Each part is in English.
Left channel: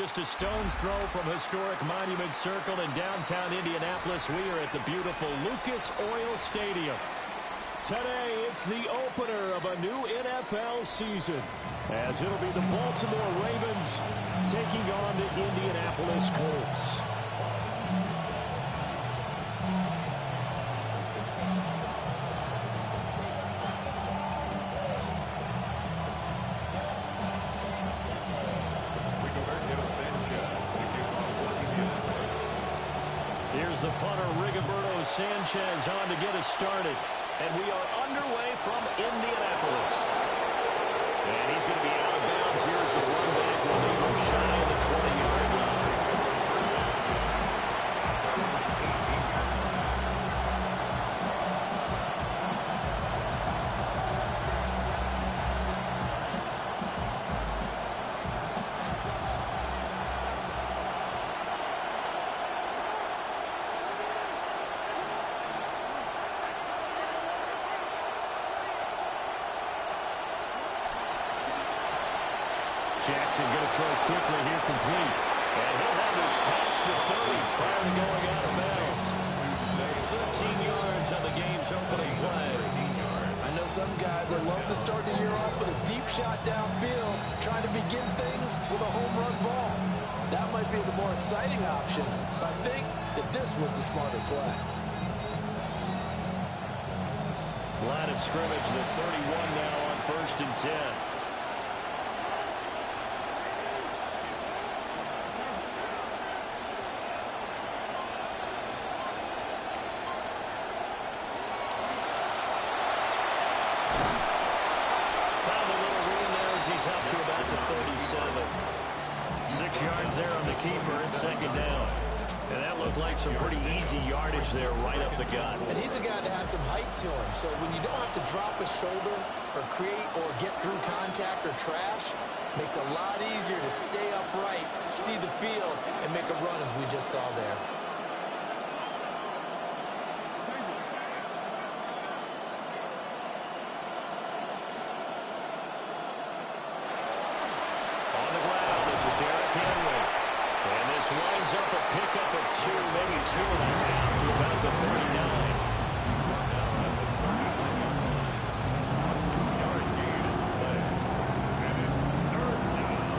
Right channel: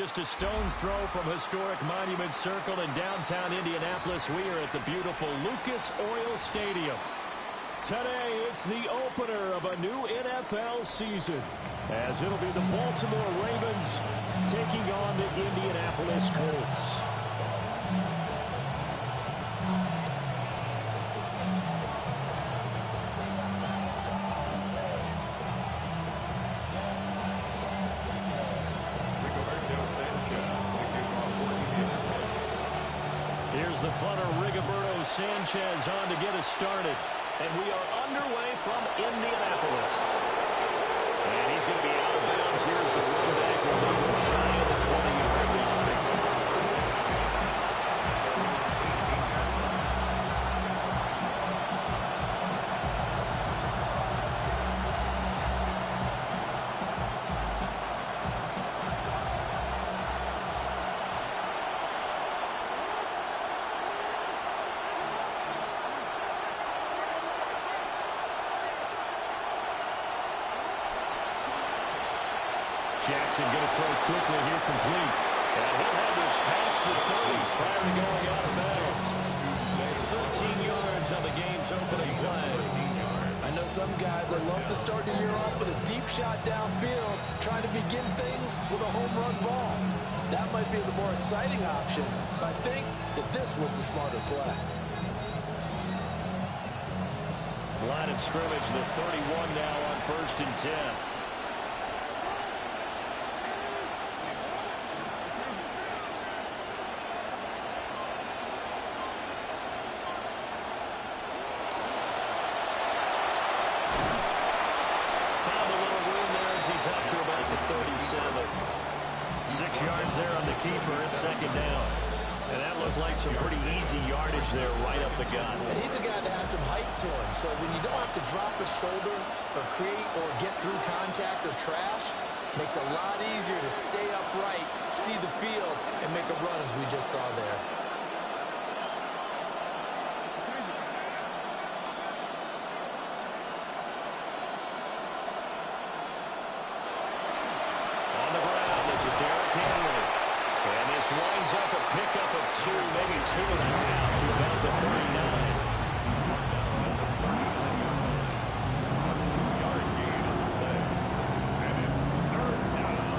just a stone's throw from historic Monument Circle in downtown Indianapolis. We are at the beautiful Lucas Oil Stadium. Today, it's the opener of a new NFL season, as it'll be the Baltimore Ravens taking on the Indianapolis Colts. Here's the punter, Rigoberto Sanchez, on to get us started. And we are underway from Indianapolis. And he's going to be out of bounds. Here's the run back. We'll leave him shy of the 20-yard line. Jackson going to throw quickly here, complete. And he'll have this past the 30 prior to going out of bounds. 13 yards on the game's opening play. I know some guys that love to start the year off with a deep shot downfield, trying to begin things with a home run ball. That might be the more exciting option, but I think that this was the smarter play. Line of scrimmage, the 31 now on 1st and 10. He's up to about the 37. 6 yards there on the keeper. It's second down. And that looked like some pretty easy yardage there right up the gut. And he's a guy that has some height to him. So when you don't have to drop a shoulder or create or get through contact or trash, makes it a lot easier to stay upright, see the field, and make a run as we just saw there. And this winds up a pickup of 2, maybe 2.5 to about the 39. A 2-yard gain in the play. And it's 3rd down.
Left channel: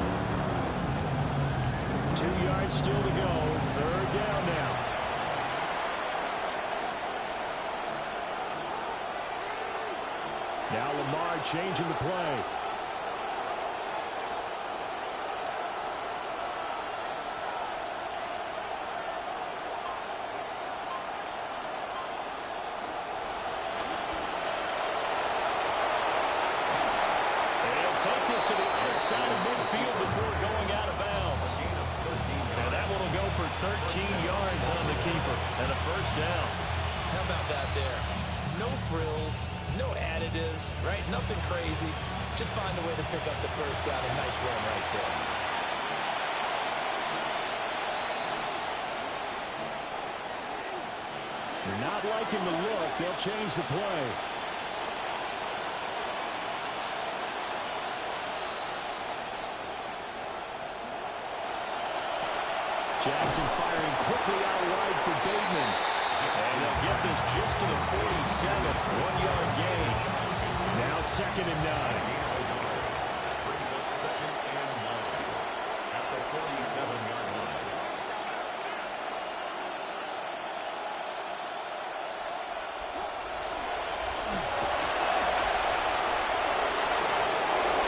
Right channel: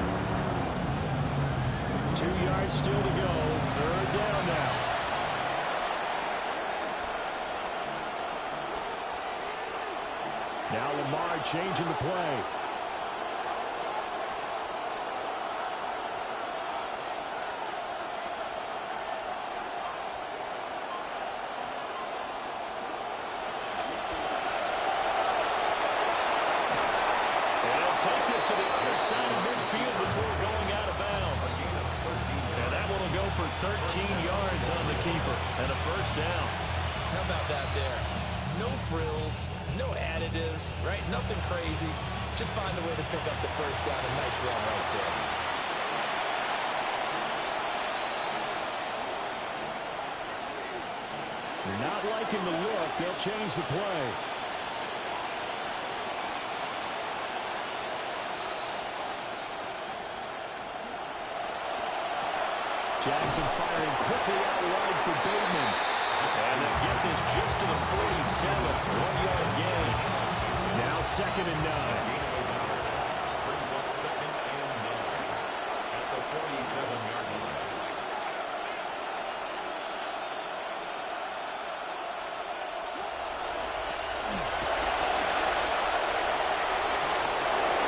2 yards still to go. 3rd down now. Now Lamar changing the play. Take this to the other side of midfield before going out of bounds. And that one will go for 13 yards on the keeper and a 1st down. How about that there? No frills, no additives, right? Nothing crazy. Just find a way to pick up the 1st down. A nice run right there. You're not liking the look. They'll change the play. Jackson firing quickly out wide for Bateman. And they'll get this just to the 47. 1-yard gain. Now 2nd and 9. Brings up 2nd and 9 at the 47-yard line.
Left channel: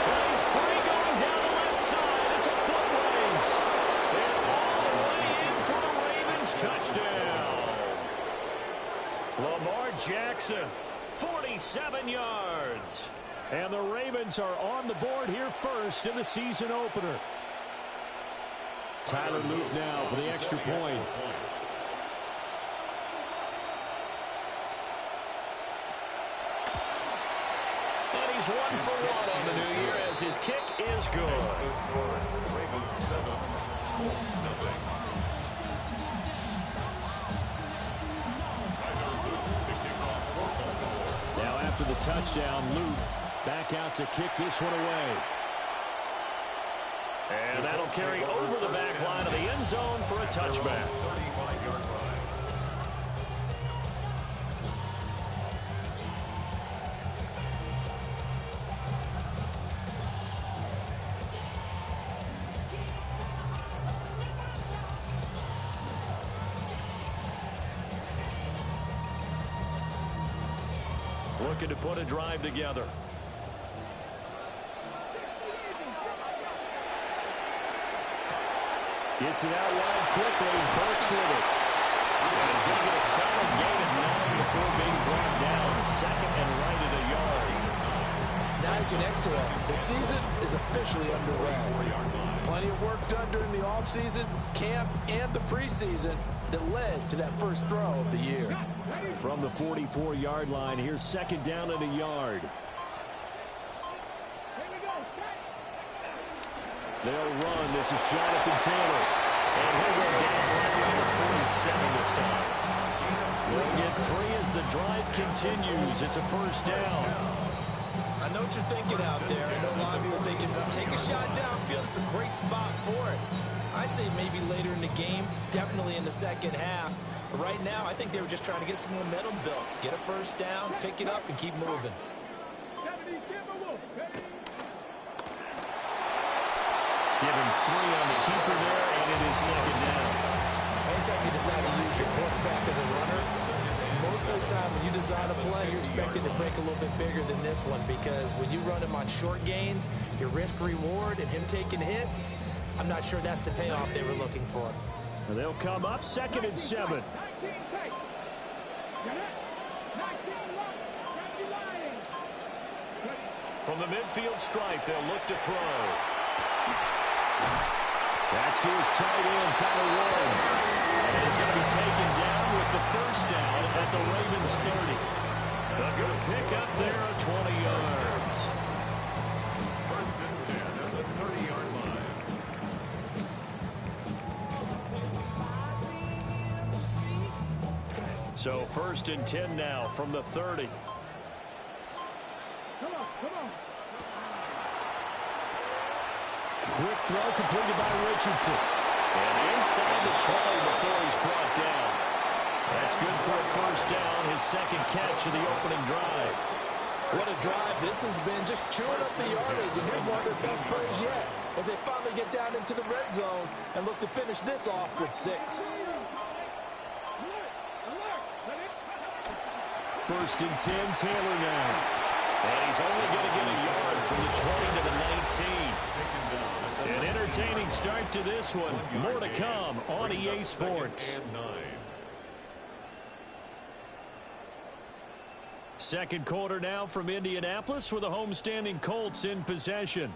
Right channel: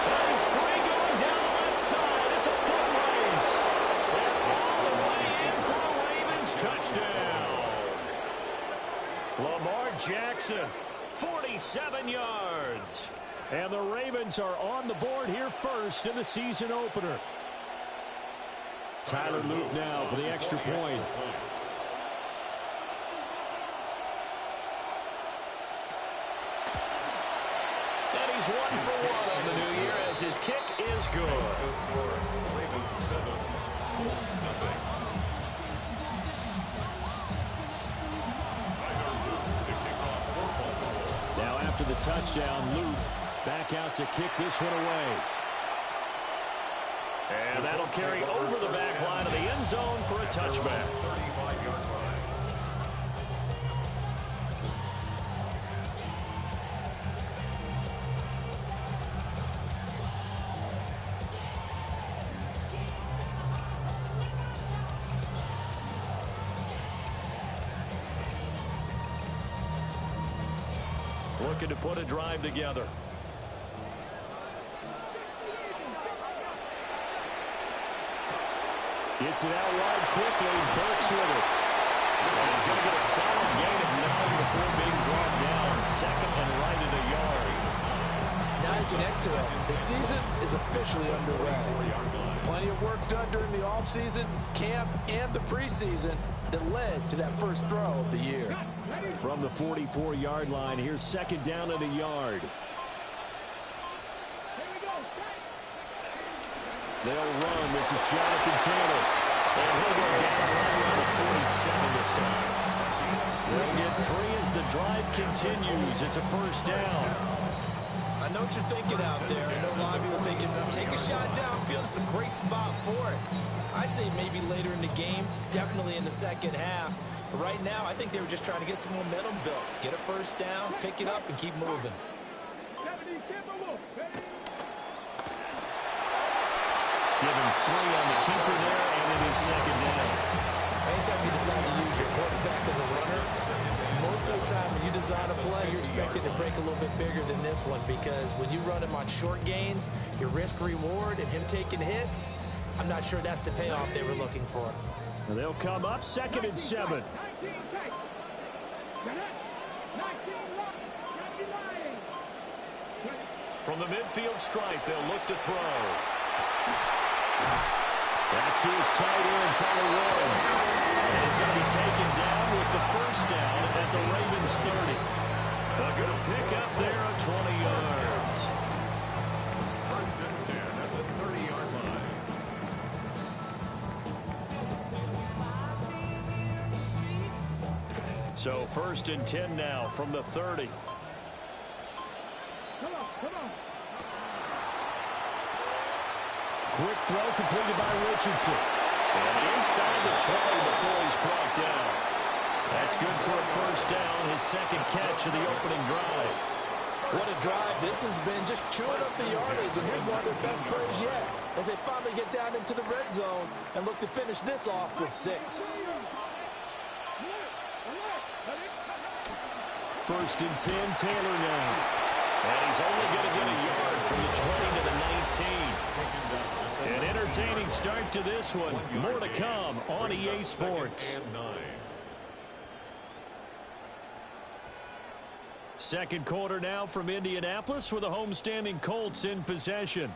Well, he's free going down the left side. It's a foot race. And all the way in for a Ravens touchdown. Lamar Jackson, 47 yards. And the Ravens are on the board here first in the season opener. Tyler Luke now for the extra point. And he's 1 for 1 on the new year as his kick is good. Ravens 7, Colts nothing. Now after the touchdown, Luke back out to kick this one away. And that'll carry over the back line of the end zone for a touchback. 35-yard line. Looking to put a drive together. Gets it out wide quickly. Burks with it. And he's going to get a solid gain of 9 before being brought down. Second and right at a yard. Now you can exhale. The season is officially underway. Plenty of work done during the offseason, camp, and the preseason that led to that first throw of the year. From the 44-yard line, here's second down at a yard. They'll run. This is Jonathan Taylor. And he'll go down right around the 47 this time. They'll get 3 as the drive continues. It's a first down. I know what you're thinking out there. I know a lot of you are thinking, take a shot downfield. It's a great spot for it. I'd say maybe later in the game, definitely in the second half. But right now, I think they were just trying to get some momentum built. Get a first down, pick it up, and keep moving. Give him 3 on the keeper there, and it is second down. Anytime you decide to use your quarterback as a runner, most of the time when you design a play, you're expected to break a little bit bigger than this one, because when you run him on short gains, your risk-reward and him taking hits, I'm not sure that's the payoff they were looking for. And they'll come up second and 7. From the midfield stripe, they'll look to throw. That's to his tight end, Tyler Warren. And he's going to be taken down with the first down at the Ravens 30. A good pick up there at 20 yards. First and 10 at the 30-yard line. So first and 10 now from the 30. Come on. Quick throw completed by Richardson. And inside the 20 before he's brought down. That's good for a first down, his second catch of the opening drive. What a drive this has been, just chewing up the yardage, and here's one of their best plays yet as they finally get down into the red zone and look to finish this off with 6. First and 10, Taylor now. And he's only going to get a yard from the 20 to the 19. An entertaining start to this one. More to come on EA Sports. Second quarter now from Indianapolis with the homestanding Colts in possession,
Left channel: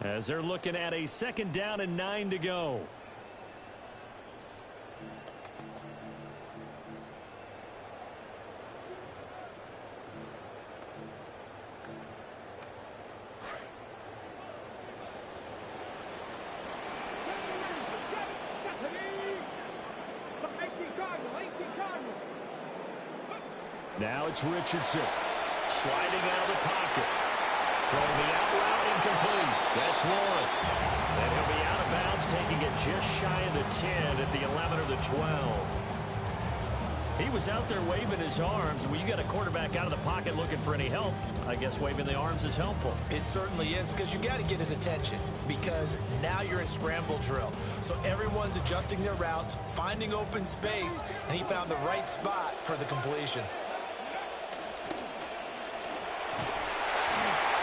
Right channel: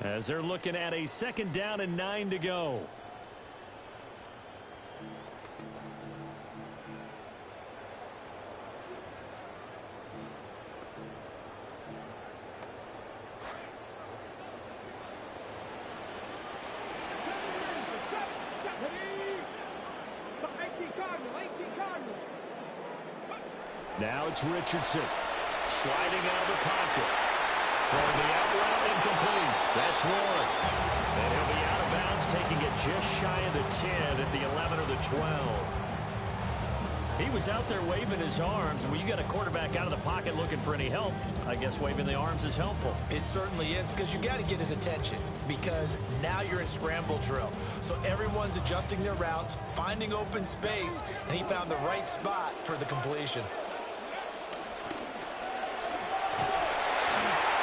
as they're looking at a second down and 9 to go. Now it's Richardson sliding out of the pocket, throwing the out route incomplete. That's Warren, and he'll be out of bounds, taking it just shy of the 10 at the 11 or the 12. He was out there waving his arms. When you got a quarterback out of the pocket looking for any help, I guess waving the arms is helpful. It certainly is, because you got to get his attention, because now you're in scramble drill. So everyone's adjusting their routes, finding open space, and he found the right spot for the completion.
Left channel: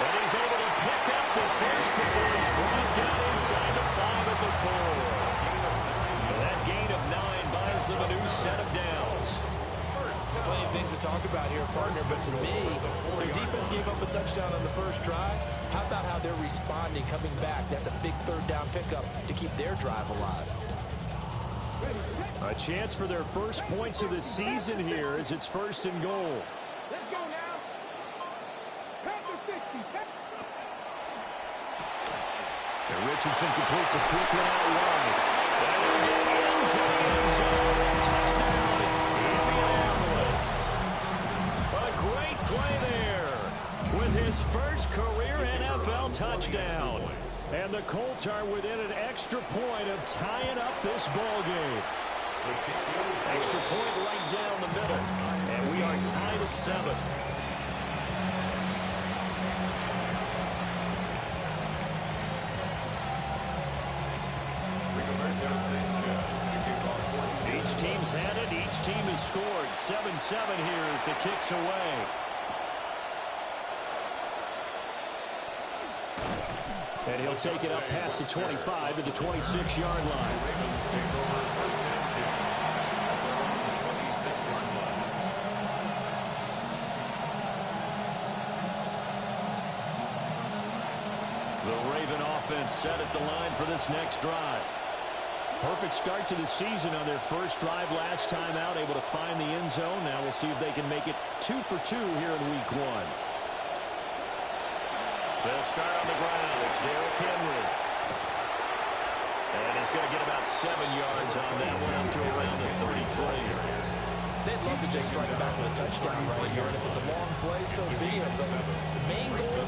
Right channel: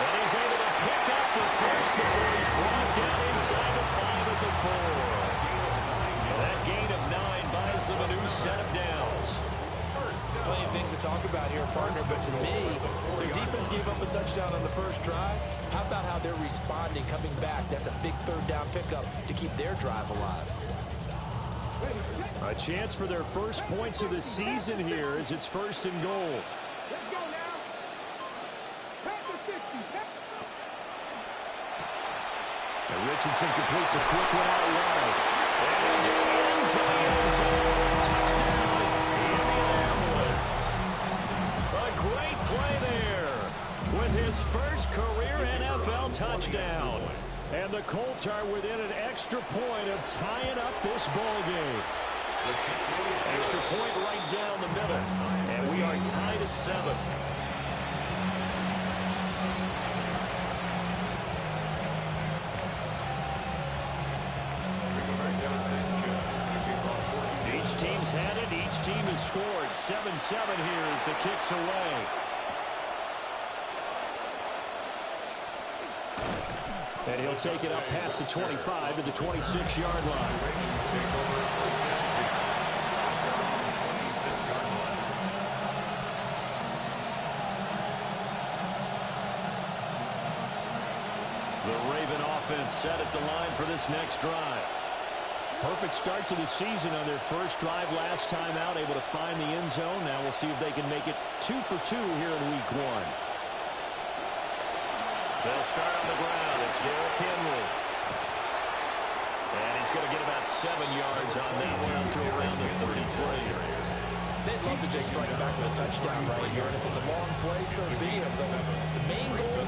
And he's able to pick up the first before he's brought down inside the 5 at the 4. And that gain of 9 buys them a new set of downs. Plenty of things to talk about here, partner, but to me, their defense gave up a touchdown on the first drive. How about how they're responding, coming back? That's a big third down pickup to keep their drive alive. A chance for their first points of the season here as it's first and goal. Let's go now. And Richardson completes a quick one out wide. And he'll get into the end zone. Touchdown, Indianapolis. A great play there with his first career NFL touchdown. And the Colts are within an extra point of tying up this ball game. Extra point right down the middle. And we are tied at 7. Each team's had it. Each team has scored. 7-7 here as the kick's away. And he'll take it up past the 25 to the 26-yard line. The Raven offense set at the line for this next drive. Perfect start to the season on their first drive last time out, able to find the end zone. Now we'll see if they can make it 2 for 2 here in week 1. They'll start on the ground. It's Derrick Henry. And he's going to get about 7 yards on that one up to around the 33. They'd love to just strike back with a touchdown right here. And if it's a long play, so be it. But the main goal,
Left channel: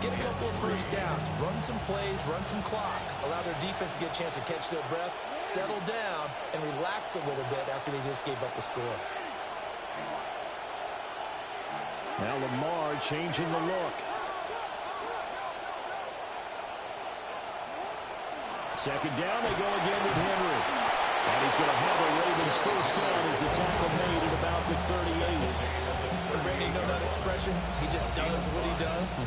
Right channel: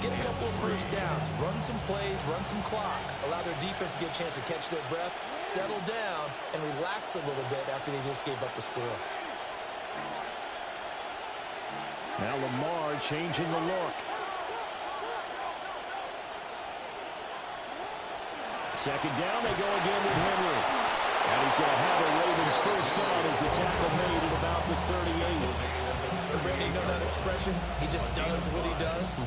get a couple of first downs. Run some plays, run some clock. Allow their defense to get a chance to catch their breath, settle down, and relax a little bit after they just gave up a score. Now Lamar changing the look. Second down, they go again with Henry. And he's going to have a Ravens first down as the tackle made at about the 38. Brandon, you know that expression? He just does what he does.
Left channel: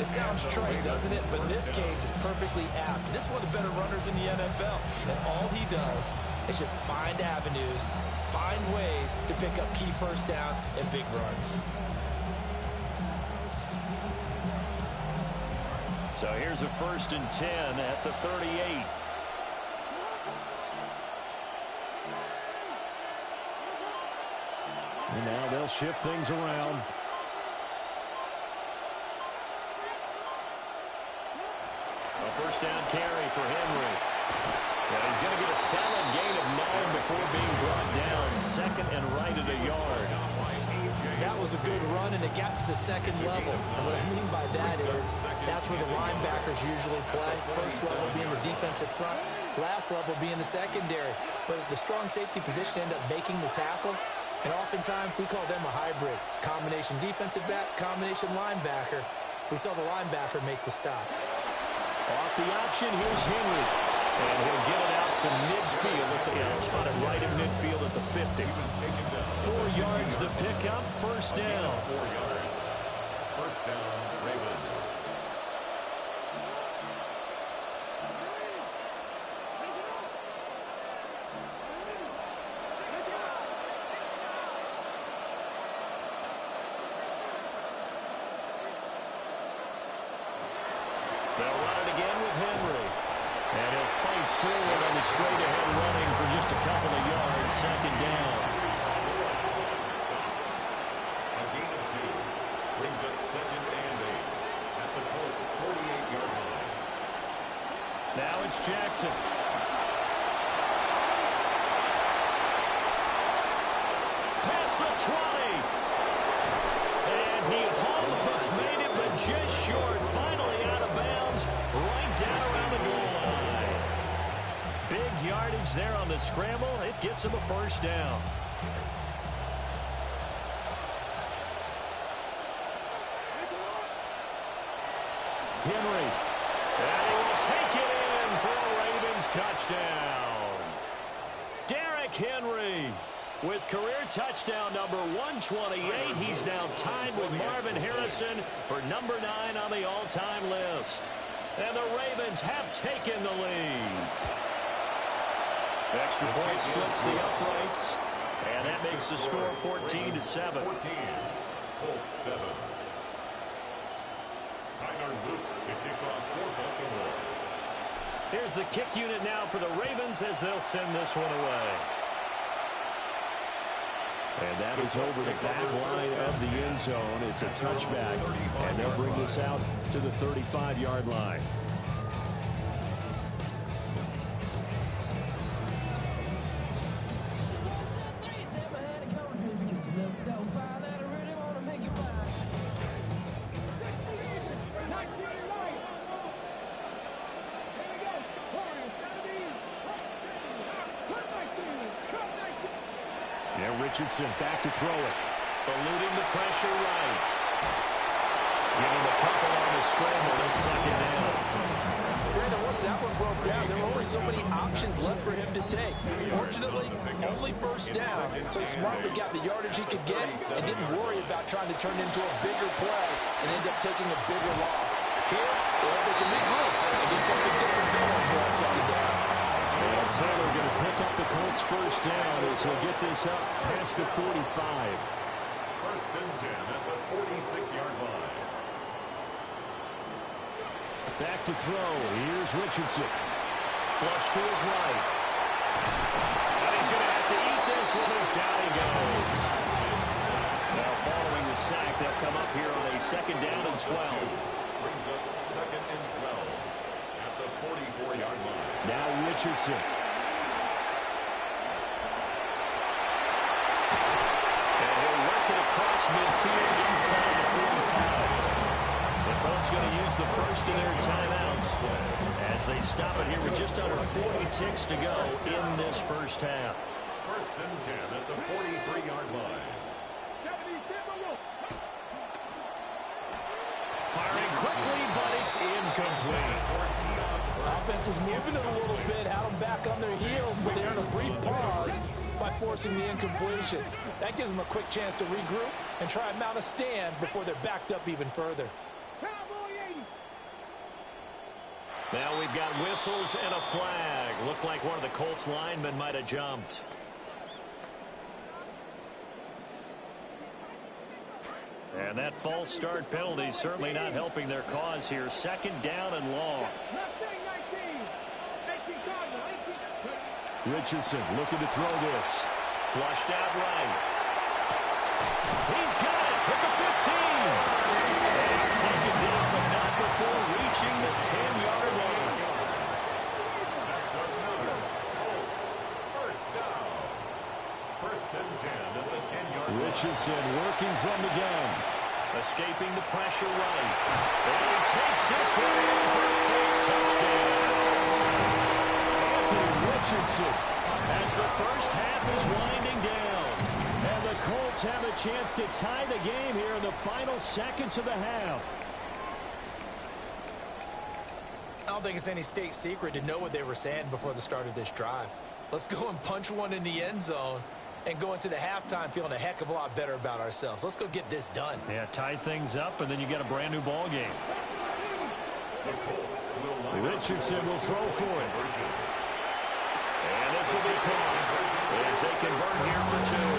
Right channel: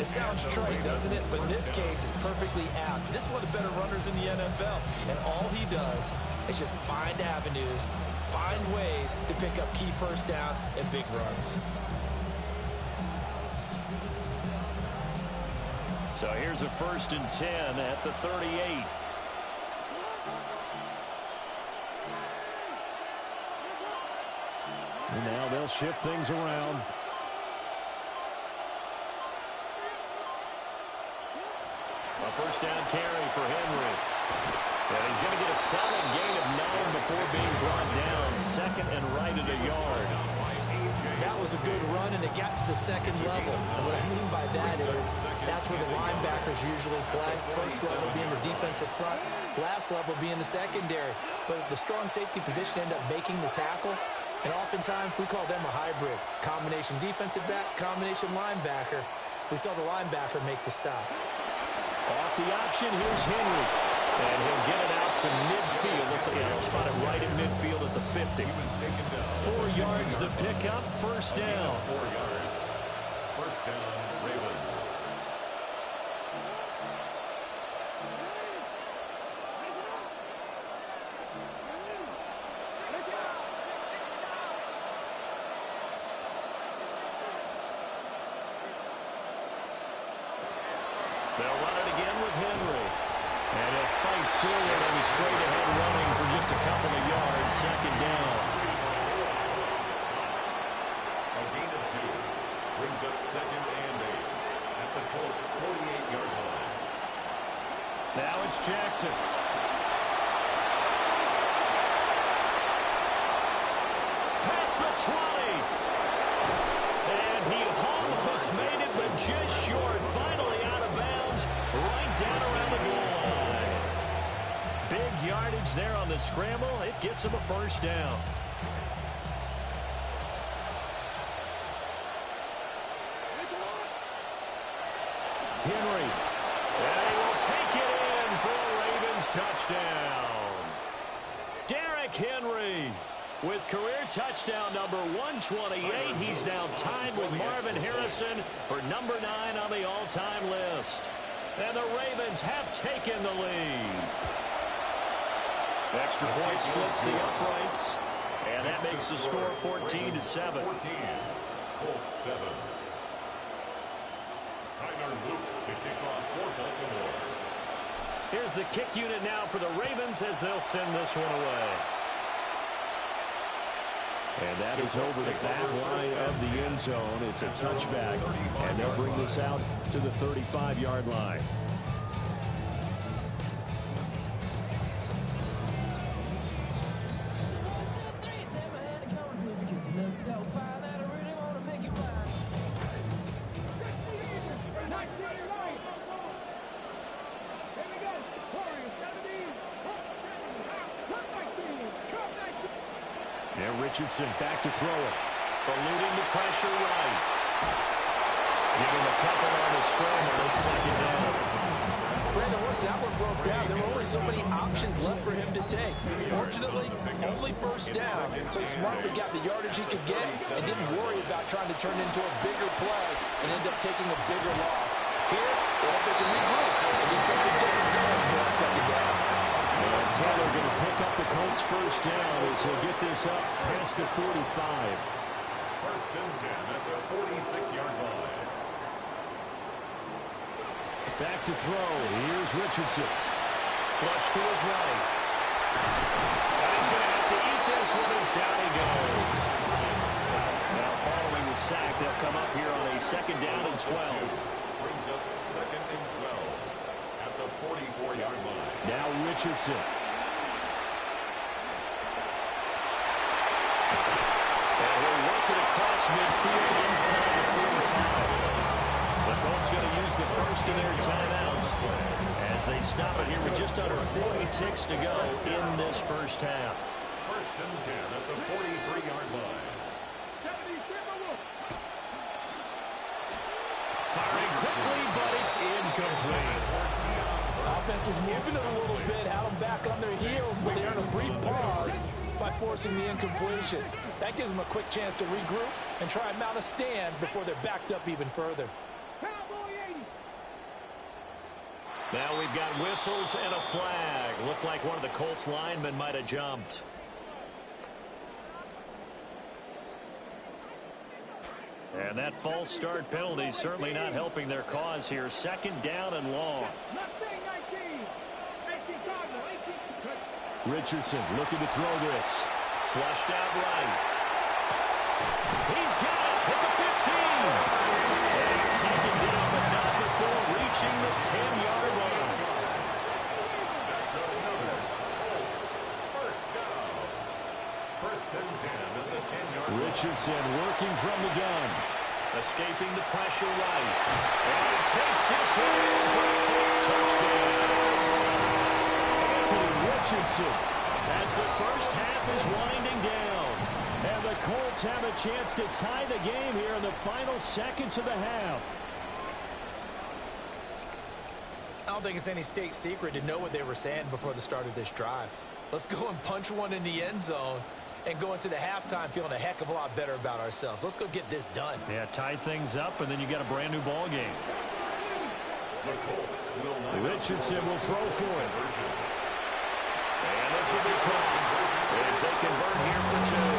It sounds trite, doesn't it? But in this case, it's perfectly apt. This is one of the better runners in the NFL. And all he does is just find avenues, find ways to pick up key first downs and big runs. So here's a 1st and 10 at the 38. And now they'll shift things around. A first down carry for Henry. And he's going to get a solid gain of 9 before being brought down. Second and right at a yard. That was a good run, and it got to the second level. And what I mean by that is that's where the linebackers usually play. First level being the defensive front, last level being the secondary. But the strong safety position ended up making the tackle. And oftentimes we call them a hybrid. Combination defensive back, combination linebacker. We saw the linebacker make the stop. Off the option, here's Henry. And he'll get it out to midfield. Looks like he'll spot it right in midfield at the 50. 4 yards the pickup, first down. 4 yards. First down, Ravens. They'll run it again with Henry. And he'll fight forward on the straight-ahead running for just a couple of yards. Second down. A gain of 2 brings up 2nd and 8 at the Colts' 48-yard line. Now it's Jackson. Past the 20. And he almost made it, but just short. Finally out of bounds, right down around the goal line. Big yardage there on the scramble. It gets him a first down. Henry. And he will take it in for a Ravens touchdown. Derrick Henry with career touchdown number 128. He's now tied with Marvin Harrison for number 9 on the all-time list. And the Ravens have taken the lead. Extra point splits the uprights. And that makes the score 14-7. 14. Colts 7. Tyler Luke to kick off for Baltimore. Here's the kick unit now for the Ravens as they'll send this one away. And that is over the back line of the end zone. It's a touchback, and they'll bring this out to the 35-yard line. Yeah, Richardson back to throw it. Eluding the pressure right. Give him a couple on the scramble. It's second down. Brandon, once that one broke down, there were only so many options left for him to take. Fortunately, only first down, so he smartly got the yardage he could get and didn't worry about trying to turn it into a bigger play and end up taking a bigger loss. Here, they hope they can regroup and get something different going for that second down. And Taylor going to pick up the Colts first down as he'll get this up past the 45. First and 10 at the 46-yard line. Back to throw. Here's Richardson. Flush to his right. And he's going to have to eat this one as down he goes. Now following the sack, they'll come up here on a second down and 12. Brings up second and 12 at the 44-yard line. Now Richardson. And he'll work it across midfield inside the 45. The Colts going to use the first of their timeouts as they stop it here with just under 40 ticks to go in this first half. First and 10 at the 43-yard line. Firing quickly, but it's incomplete. Offense was moving it a little bit, had them back on their heels, but they earned a brief pause by forcing the incompletion. That gives them a quick chance to regroup and try and mount a stand before they're backed up even further. Now we've got whistles and a flag. Looked like one of the Colts linemen might have jumped. And that false start penalty certainly not helping their cause here. Second down and long. Richardson looking to throw this. Flushed out right. He's got it at the 15. And he's taken down, but not before reaching the 10-yard line. That's another Colts first down. First and 10 at the 10-yard line. Richardson working from the gun. Escaping the pressure right. And he takes this one in for a Colts touchdown. Anthony Richardson as the first half is winding down. And the Colts have a chance to tie the game here in the final seconds of the half. I don't think it's any state secret to know what they were saying before the start of this drive. Let's go and punch one in the end zone and go into the halftime feeling a heck of a lot better about ourselves. Let's go get this done. Yeah, tie things up, and then you got a brand new ball game. The Colts will line Richardson will throw for it. And this will be caught as they convert here for two.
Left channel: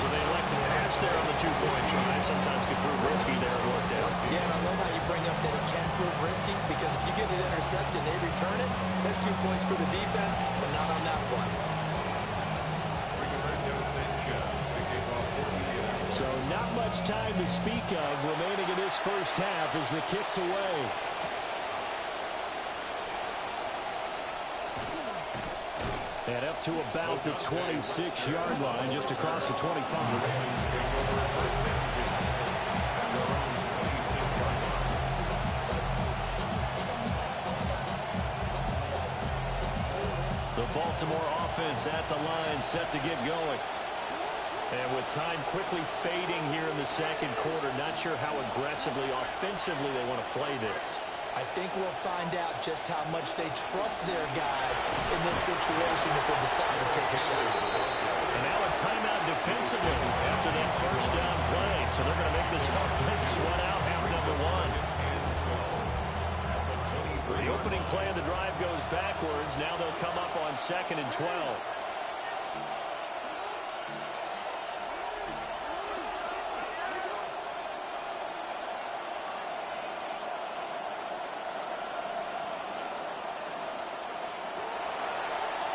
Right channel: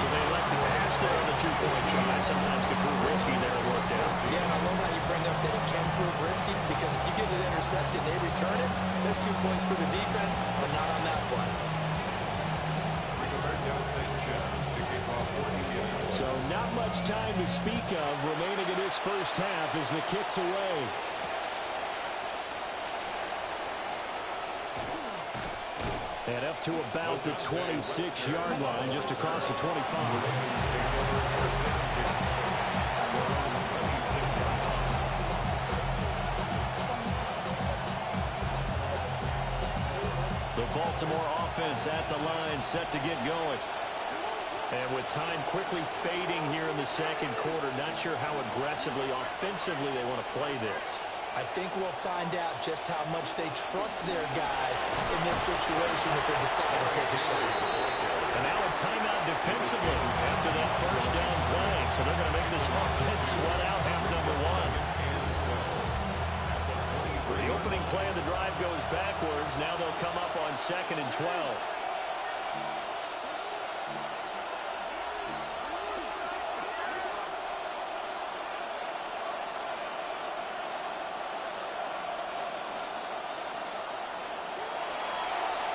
So they elect to pass there on the two-point try. Sometimes can prove risky there. It worked out. Yeah, and I love how you bring up that it can prove risky, because if you get it intercepted and they return it, that's 2 points for the defense, but not on that play. So not much time to speak of remaining in this first half as the kick's away. And up to about the 26-yard line, just across the 25. The Baltimore offense at the line, set to get going. And with time quickly fading here in the second quarter, not sure how aggressively, offensively they want to play this. I think we'll find out just how much they trust their guys in this situation if they decide to take a shot. And now a timeout defensively after that first down play. So they're going to make this offense sweat out half number one. The opening play of the drive goes backwards. Now they'll come up on second and 12.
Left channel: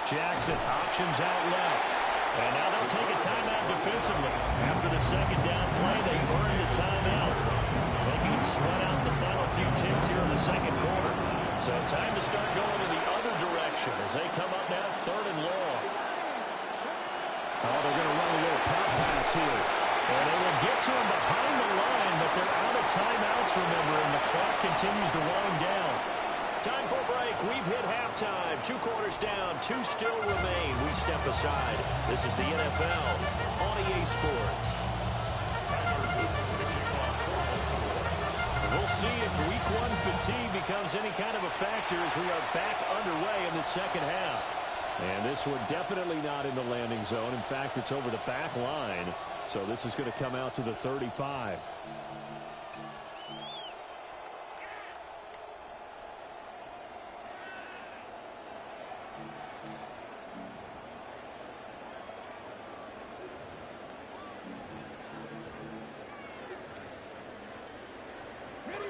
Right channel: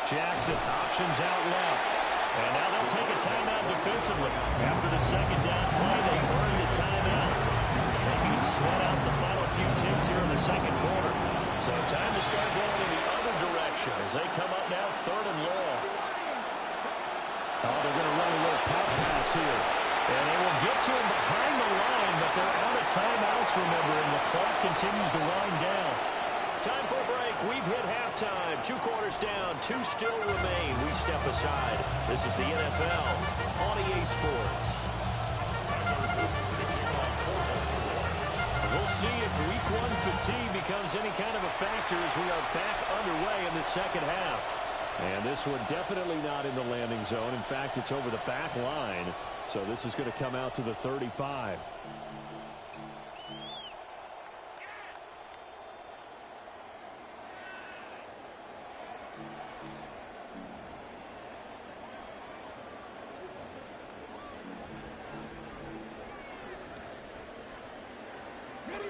Jackson, options out left. And now they'll take a timeout defensively. After the second down play, they earn the timeout, making it sweat out the final few ticks here in the second quarter. So time to start going in the other direction as they come up now third and long. Oh, they're going to run a little pop pass here. And they will get to him behind the line, but they're out of timeouts, remember, and the clock continues to wind down. Time for a break. We've hit halftime. 2 quarters down. 2 still remain. We step aside. This is the NFL on EA Sports. We'll see if Week 1 fatigue becomes any kind of a factor as we are back underway in the second half. And this one definitely not in the landing zone. In fact, it's over the back line. So this is going to come out to the 35.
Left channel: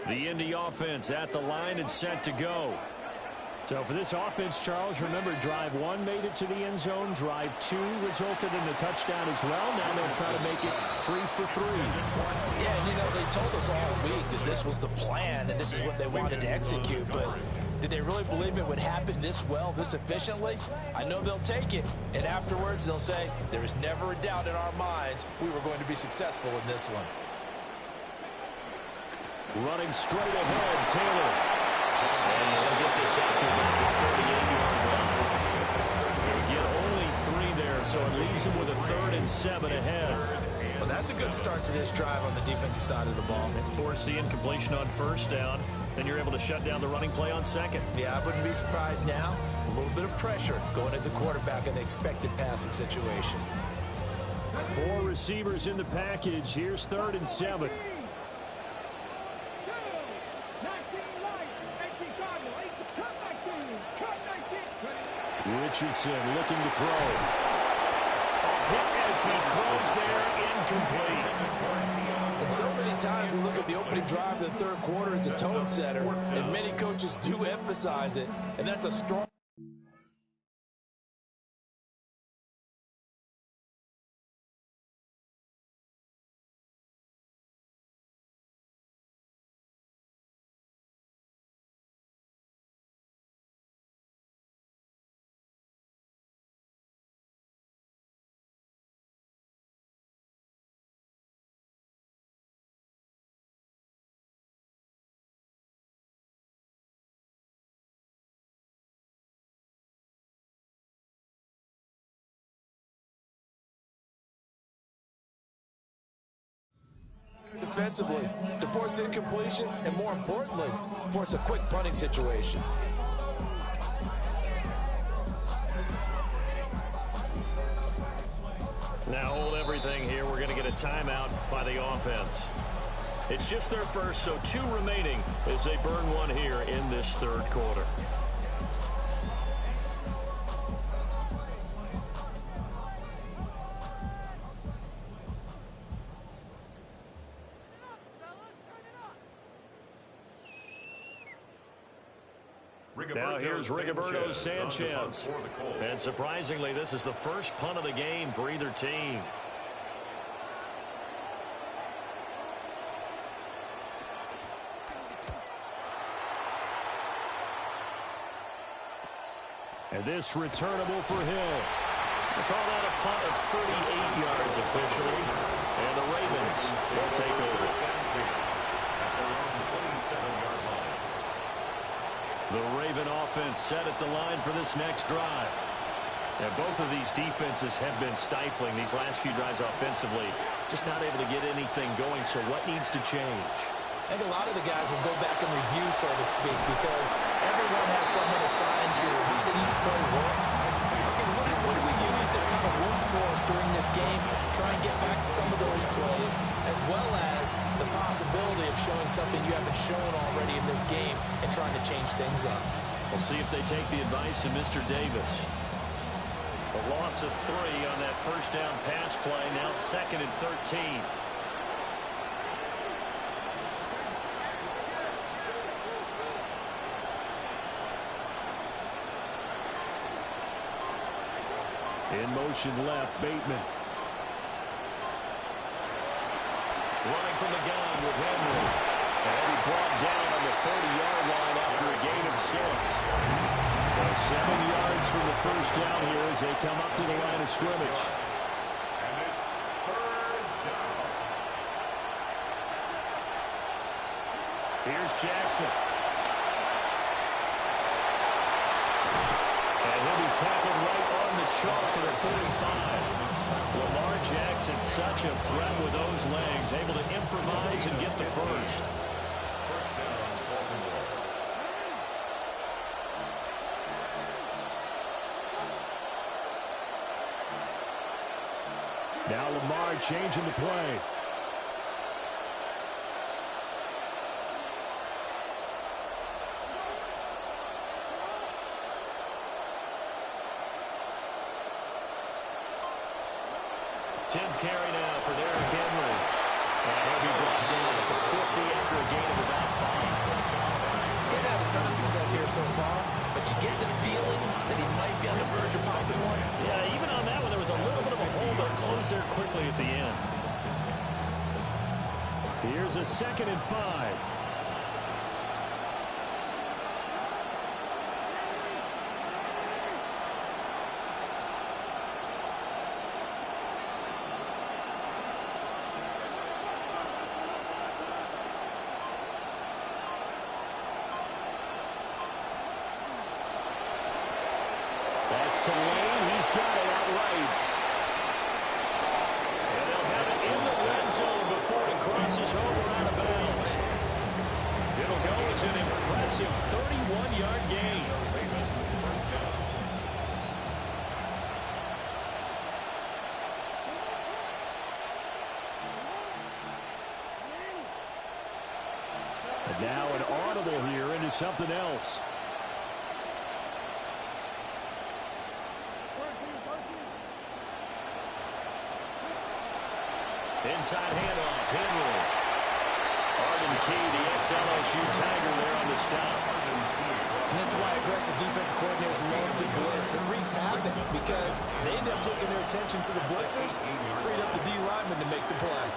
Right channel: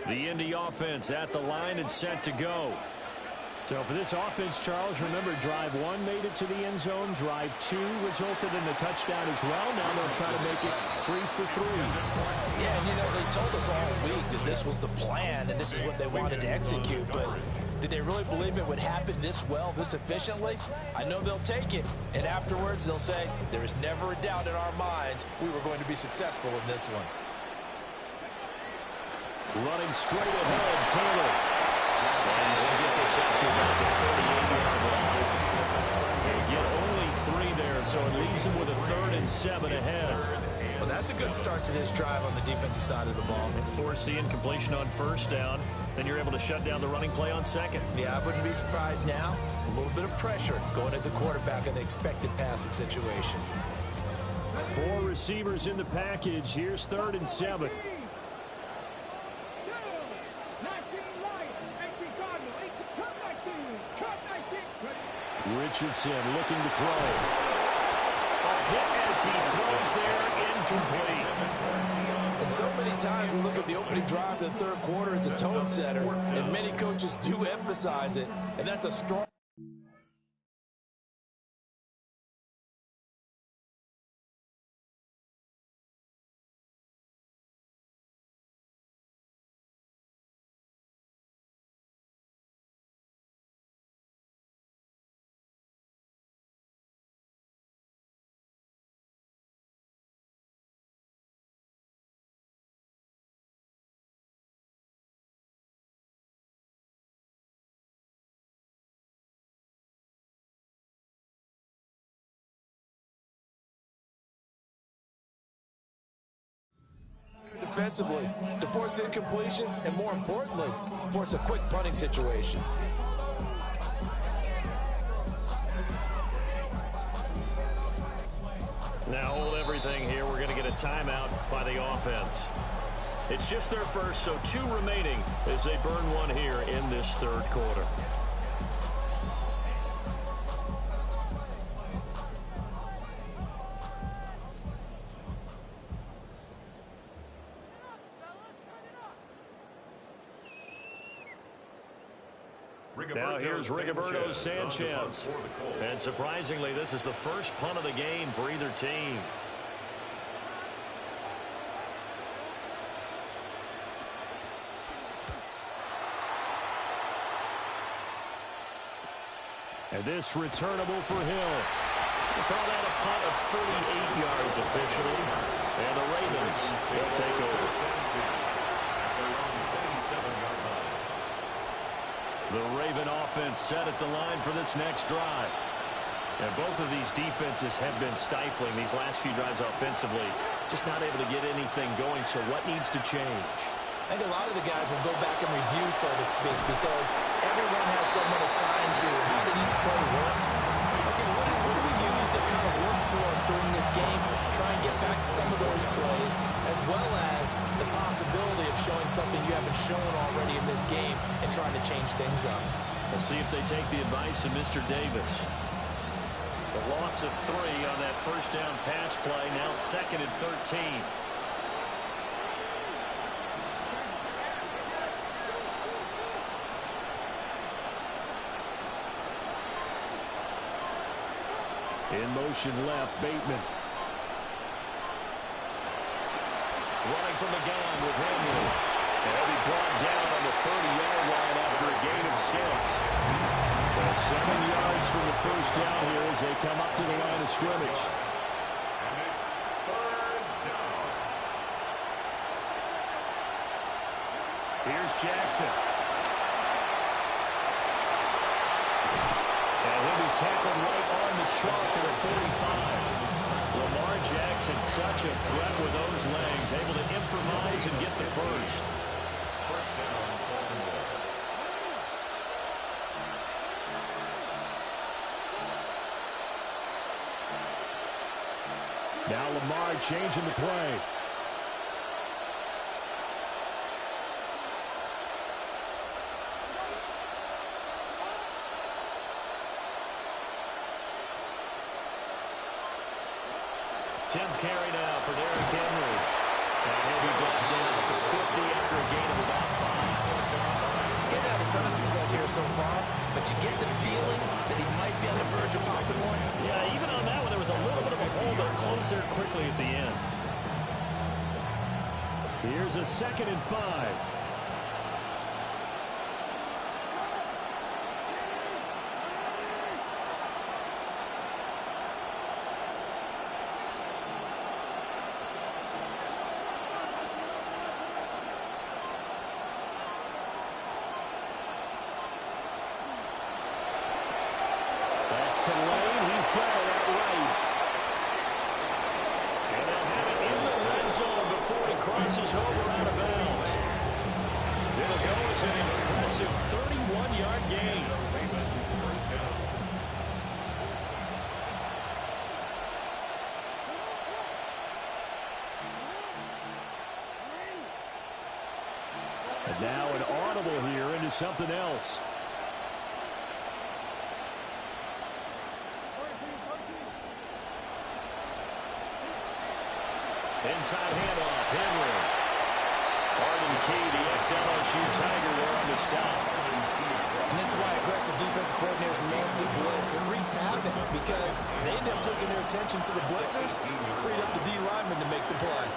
The Indy offense at the line and set to go. So for this offense, Charles, remember, drive 1 made it to the end zone. Drive 2 resulted in a touchdown as well. Now they'll try to make it 3 for 3. Yeah, and you know, they told us all week that this was the plan and this is what they wanted to execute. But did they really believe it would happen this well, this efficiently? I know they'll take it. And afterwards, they'll say, there is never a doubt in our minds we were going to be successful in this one. Running straight ahead, Taylor. And they'll get this out to about the 38-yard line. They'll get only 3 there, so it leaves them with a 3rd and 7 ahead. Well, that's a good start to this drive on the defensive side of the ball. And force the incompletion on 1st down. Then you're able to shut down the running play on 2nd. Yeah, I wouldn't be surprised now. A little bit of pressure going at the quarterback in the expected passing situation. 4 receivers in the package. Here's 3rd and 7. Richardson looking to throw. A hit as he throws there, incomplete. And so many times we look at the opening drive of the 3rd quarter as a tone setter, and many coaches do emphasize it, and that's a strong... defensively to force incompletion and, more importantly, force a quick punting situation. Now hold everything here. We're going to get a timeout by the offense. It's just their first, so 2 remaining as they burn 1 here in this 3rd quarter. Now here's Rigoberto Sanchez. And surprisingly, this is the first punt of the game for either team. And this returnable for Hill. We'll call that a punt of 38 yards officially. And the Ravens will take over. At their own 27-yard line. The Raven offense set at the line for this next drive. And both of these defenses have been stifling these last few drives offensively. Just not able to get anything going, so what needs to change? I think a lot of the guys will go back and review, so to speak, because everyone has someone assigned to how did each play work. Okay, what did we use that kind of worked for us during this game? Try and get back to some of those plays, as well as the possibility of showing something you haven't shown already in this game and trying to change things up. We'll see if they take the advice of Mr. Davis. The loss of 3 on that 1st down pass play, now 2nd and 13. In motion left, Bateman. Running from the gun with Henry. And he'll be brought down on the 30-yard line after a gain of 6. So 7 yards from the 1st down here as they come up to the line of scrimmage. And it's 3rd down. Here's Jackson. And he'll be tackled right on the chalk of the 45. Lamar Jackson, such a threat with those legs, able to improvise and get the first. First down, Baltimore. Now Lamar changing the play. Tenth carry now for Derrick Henry. And he'll be brought down at the 50 after a gain of about 5. He hasn't had a ton of success here so far, but you get the feeling that he might be on the verge of popping one. Yeah, even on that one, there was a little bit of a hole, but it closed there quickly at the end. Here's a 2nd and 5. That's to Lane. He's got it outright. And they'll have it in the red zone before he crosses over out of bounds. It'll go as an impressive 31-yard gain. Ravens first down. And now an audible here into something else. Inside handoff, Henry. Arden Key, the ex-LSU Tiger there on the stop. And this is why aggressive defensive coordinators love to blitz. It wreaks havoc because they end up taking their attention to the blitzers, freed up the D lineman to make the play.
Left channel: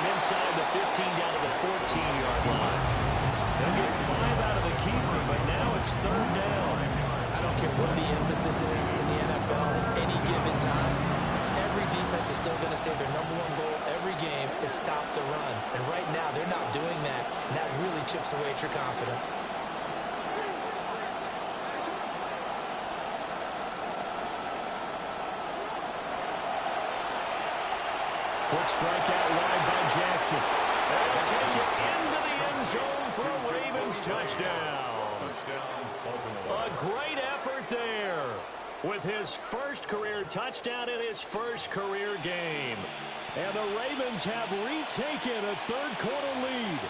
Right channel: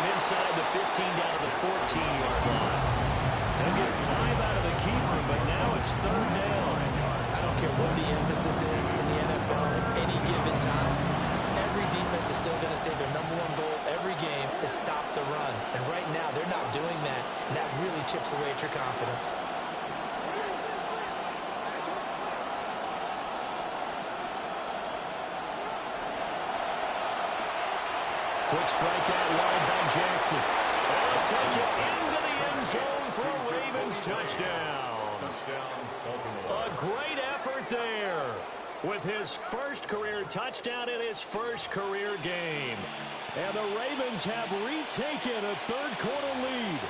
Inside the 15 down to the 14-yard line. He'll get 5 out of the keeper, but now it's 3rd down. I don't care what the emphasis is in the NFL at any given time. Every defense is still going to say their #1 goal every game is stop the run. And right now, they're not doing that, and that really chips away at your confidence. Quick strike out wide by Jackson. They'll take it into the end zone for a Ravens touchdown. Touchdown, Baltimore. A great effort there with his first career touchdown in his first career game. And the Ravens have retaken a 3rd quarter lead.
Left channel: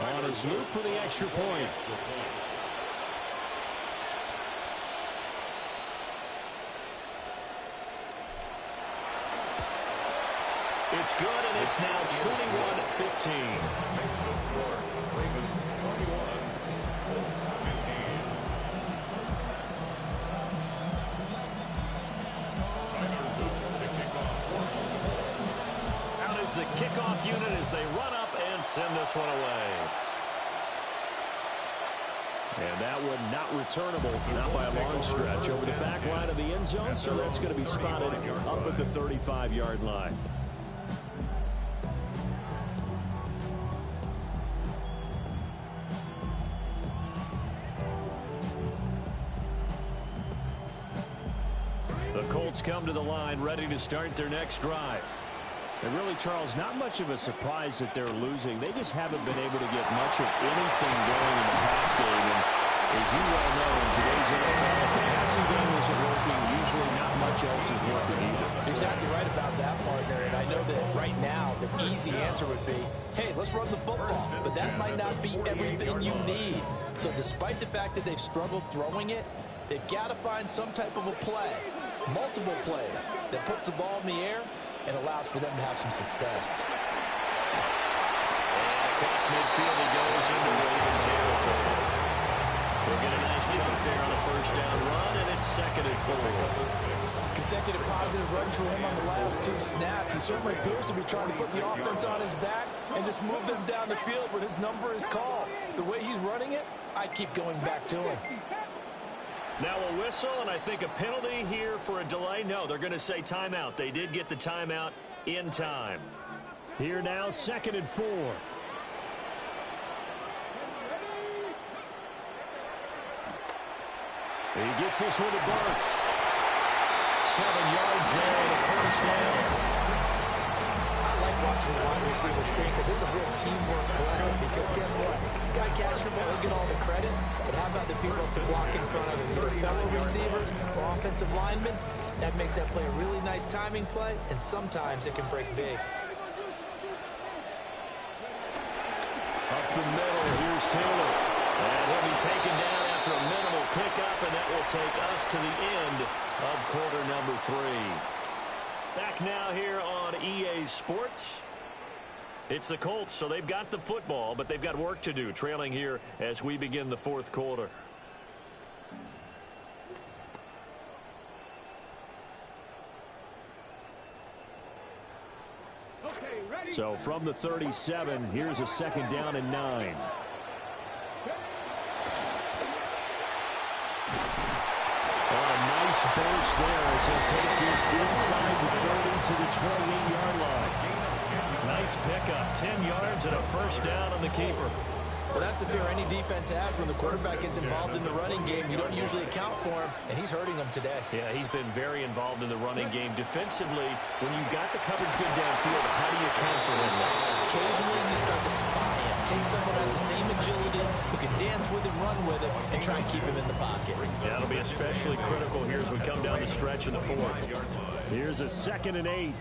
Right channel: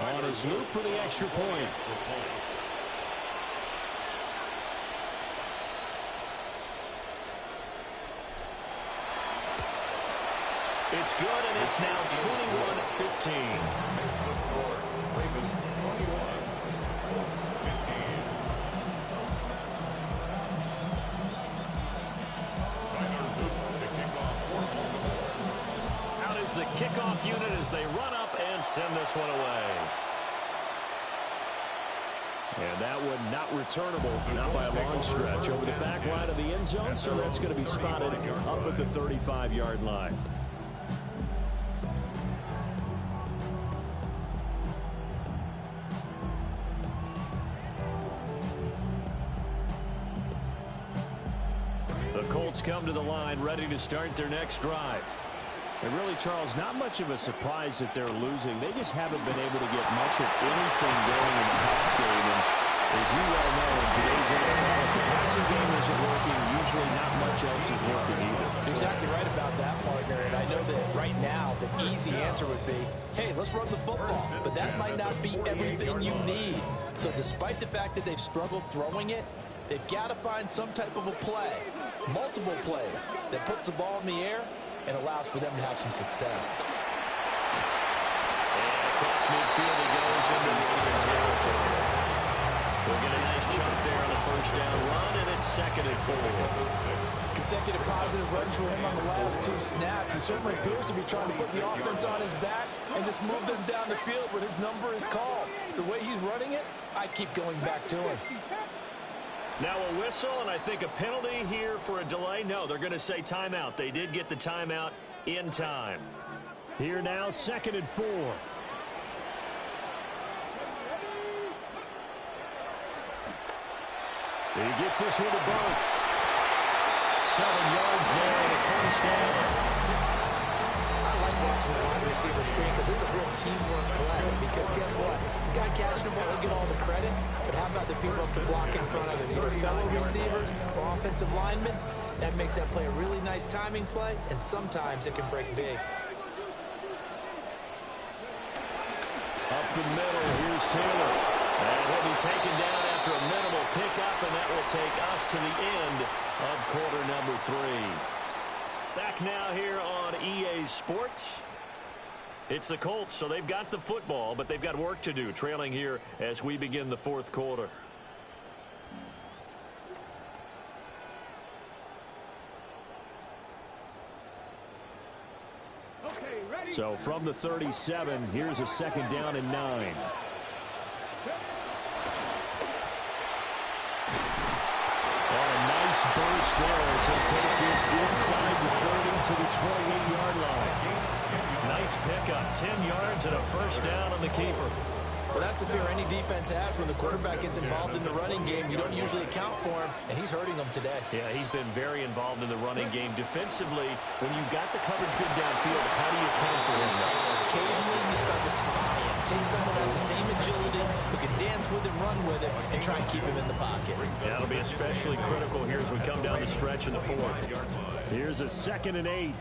On his loop for the extra point. It's good, and it's now 21-15. Makes the score. Ravens 21, Colts 15. Tyler Luke to kick off for Baltimore. Out is the kickoff unit as they run up and send this one away. And that one not returnable, not by a long stretch, over the back line of the end zone, so that's going to be spotted up at the 35-yard line. The Colts come to the line ready to start their next drive. And really, Charles, not much of a surprise that they're losing. They just haven't been able to get much of anything going in the pass game. And as you well know, in today's NFL, if the passing game isn't working, usually not much else is working either. Exactly right about that, partner. And I know that right now the easy answer would be, hey, let's run the football. But that might not be everything you need. So despite the fact that they've struggled throwing it, they've got to find some type of a play, multiple plays, that puts the ball in the air and allows for them to have some success. And across midfield he goes into Raven territory. He'll get a nice chunk there on the first down run, and it's 2nd and 4. Consecutive positive runs for him on the last 2 snaps. He certainly appears to be trying to put the offense on his back and just move them down the field when his number is called. The way he's running it, I keep going back to him. Now a whistle, and I think a penalty here for a delay. No, they're going to say timeout. They did get the timeout in time. Here now, 2nd and 4. He gets this one to Burks. 7 yards there on the first down. I like watching the wide receiver screen because it's a real teamwork play. Because guess what? The guy catching the ball, he'll get all the credit. But how about the people up to block in front of him? Either fellow receivers or offensive linemen. That makes that play a really nice timing play, and sometimes it can break big. Up the middle, here's Taylor. And he'll be taken down after a minimal pickup, and that will take us to the end of quarter number 3. Back now here on EA Sports. It's the Colts, so they've got the football, but they've got work to do, trailing here as we begin the 4th quarter. So from the 37, here's a 2nd down and 9. On a nice burst there as he'll take this inside the 30 to the 28-yard line. Nice pickup, 10 yards and a first down on the keeper. Well, that's the fear any defense has when the quarterback gets involved in the running game. You don't usually account for him, and he's hurting them today. Yeah, he's been very involved in the running game. Defensively, when you got the coverage good downfield, how do you account for him, though? Occasionally, you start to spy him. Take someone that has the same agility, who can dance with him, run with him, and try and keep him in the pocket. Yeah, it'll be especially critical here as we come down the stretch in the 4th. Here's a 2nd and 8.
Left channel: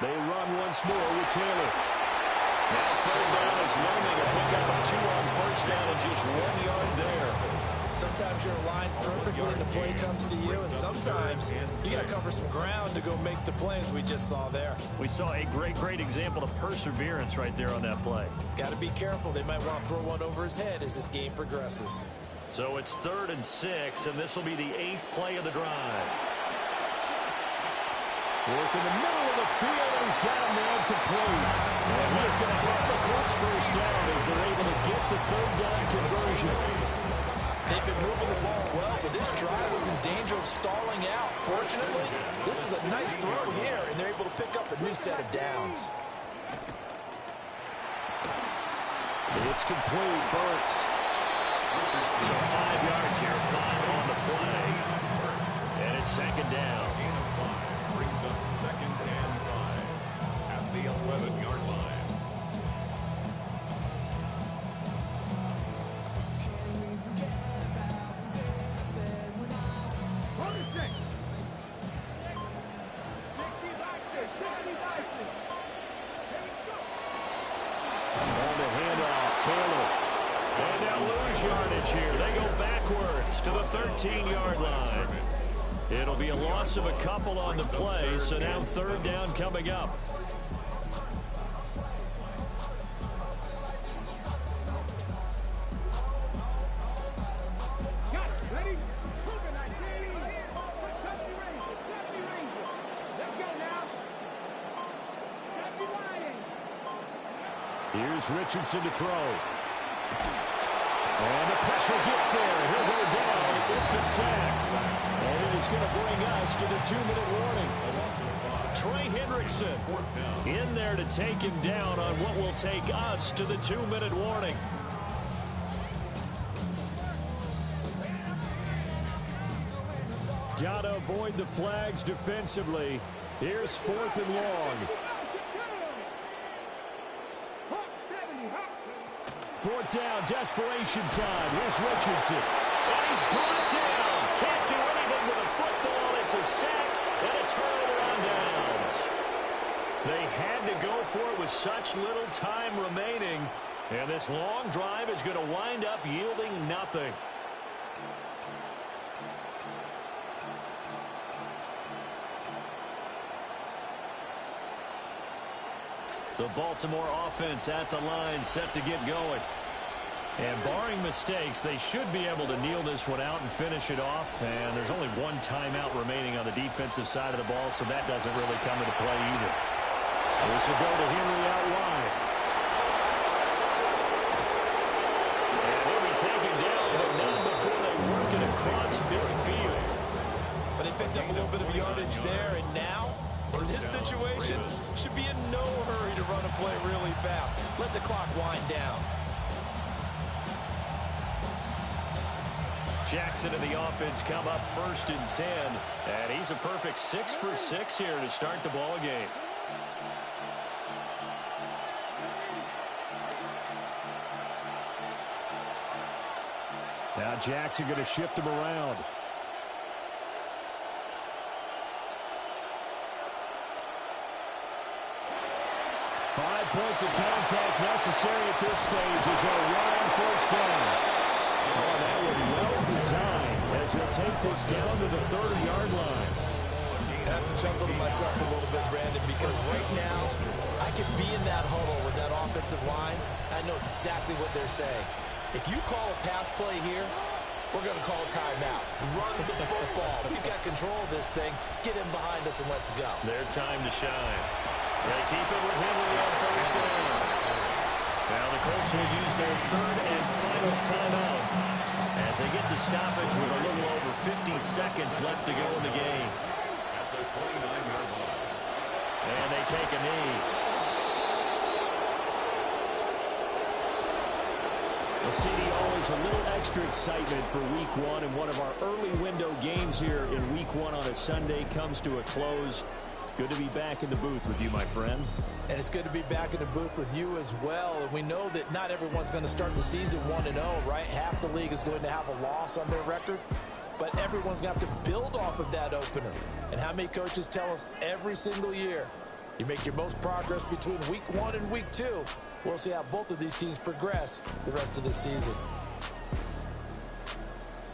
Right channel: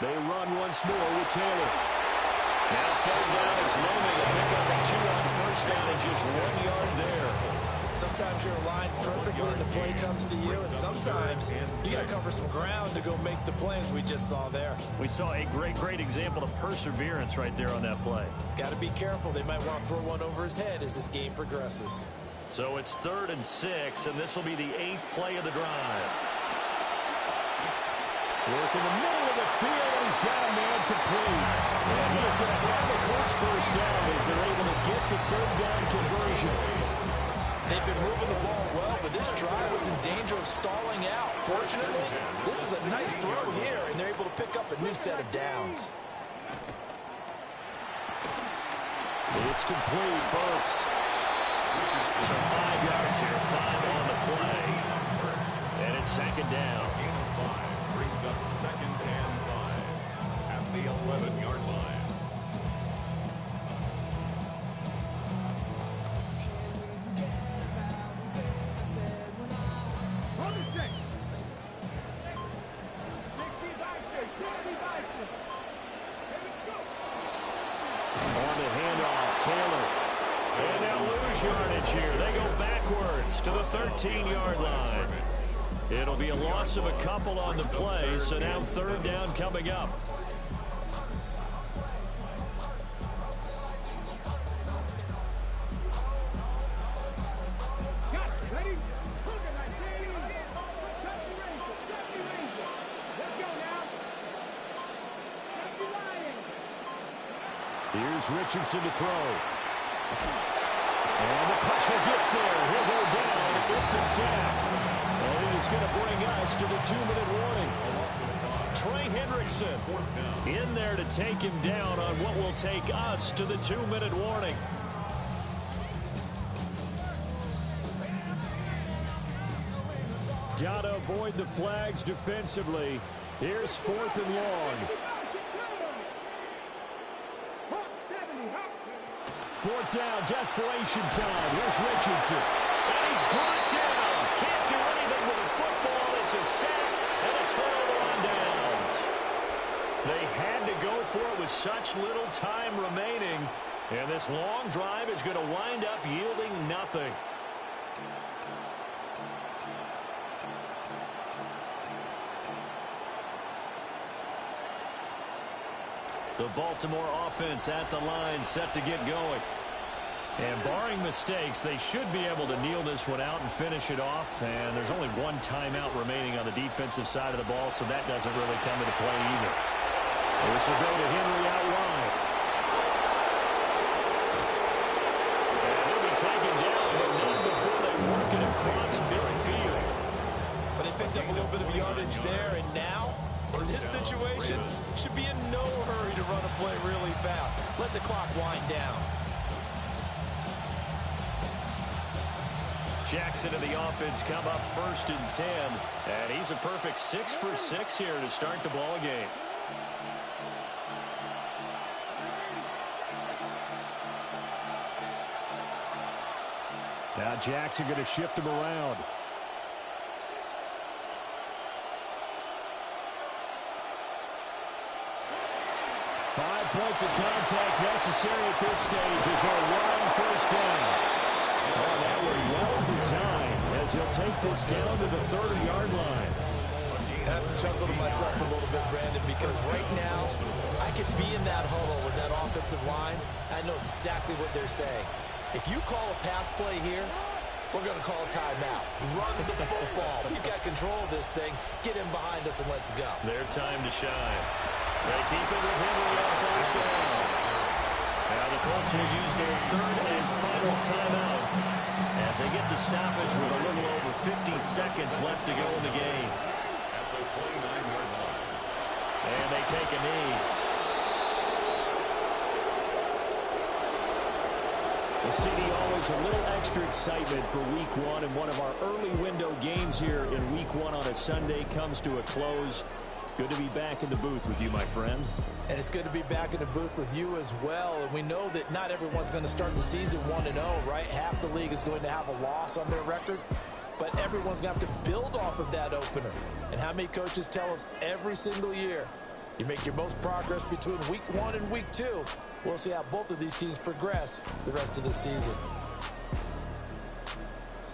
They run once more with Taylor. Now 3rd down is looming. A pickup of 2 on first down and just 1 yard there. Sometimes you're aligned perfectly and the play comes to you, and sometimes you got to cover some ground to go make the play, as we just saw there. We saw a great example of perseverance right there on that play. Got to be careful. They might want to throw one over his head as this game progresses. So it's 3rd and 6, and this will be the 8th play of the drive. Work in the middle of the field, and he's got a man complete. And he is going to have the Colts first down as they're able to get the 3rd down conversion. They've been moving the ball well, but this drive was in danger of stalling out. Fortunately, this is a nice throw here, and they're able to pick up a new set of downs. It's complete, Burks. So 5 yards here, 5 on the play. And it's 2nd down. Brings up 2nd and 5 at the 11-yard line. On the handoff, Taylor. And they'll lose yardage here. They go backwards to the 13-yard line. It'll be a loss of a couple on the play, so now 3rd down coming up. Here's Richardson to throw. And the pressure gets there. He'll go down. It's a sack. And it is going to bring us to the 2-minute warning. Trey Hendrickson in there to take him down on what will take us to the 2-minute warning. Got to avoid the flags defensively. Here's 4th and long. 4th down, desperation time. Here's Richardson. And he's brought down. Can't do anything with a football. It's a sack and a turnover on downs. They had to go for it with such little time remaining. And this long drive is going to wind up yielding nothing. The Baltimore offense at the line, set to get going. And barring mistakes, they should be able to kneel this one out and finish it off. And there's only one timeout remaining on the defensive side of the ball, so that doesn't really come into play either. This will go to Henry out wide. And he'll be taken down, but not before they work it across midfield. But they picked up a little bit of yardage there, and now, in this situation, should be in no hurry to run a play really fast. Let the clock wind down. Jackson and the offense come up 1st and 10. And he's a perfect 6 for 6 here to start the ball game. Now Jackson going to shift him around. Five points of contact necessary at this stage as they'll run 1st down. Oh, that was well designed as he'll take this down to the 30-yard line. I have to chuckle to myself a little bit, Brandon, because right now I could be in that huddle with that offensive line. I know exactly what they're saying. If you call a pass play here, we're going to call a timeout. Run the football. We've got control of this thing. Get in behind us and let's go. Their time to shine. They keep it with Henry on 1st down. Now the Colts will use their 3rd and final timeout as they get the stoppage with a little over 50 seconds left to go in the game. At the 29-yard line. And they take a knee. Well, CD, always a little extra excitement for Week 1, and one of our early window games here in Week 1 on a Sunday comes to a close. Good to be back in the booth with you, my friend. And it's good to be back in the booth with you as well. And we know that not everyone's going to start the season 1-0, right? Half the league is going to have a loss on their record. But everyone's going to have to build off of that opener. And how many coaches tell us every single year, you make your most progress between Week 1 and Week 2. We'll see how both of these teams progress the rest of the season.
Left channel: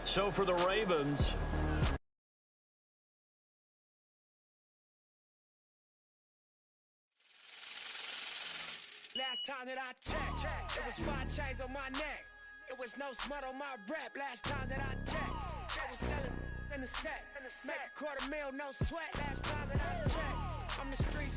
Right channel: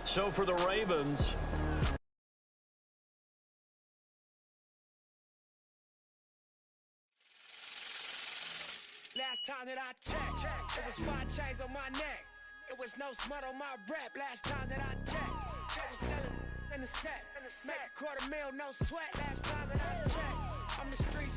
So for the Ravens, last time that I checked, it was 5 chains on my neck. It was no smut on my rap. Last time that I checked, they was selling in the set. Make $250,000, no sweat. Last time that I checked, I'm the streets.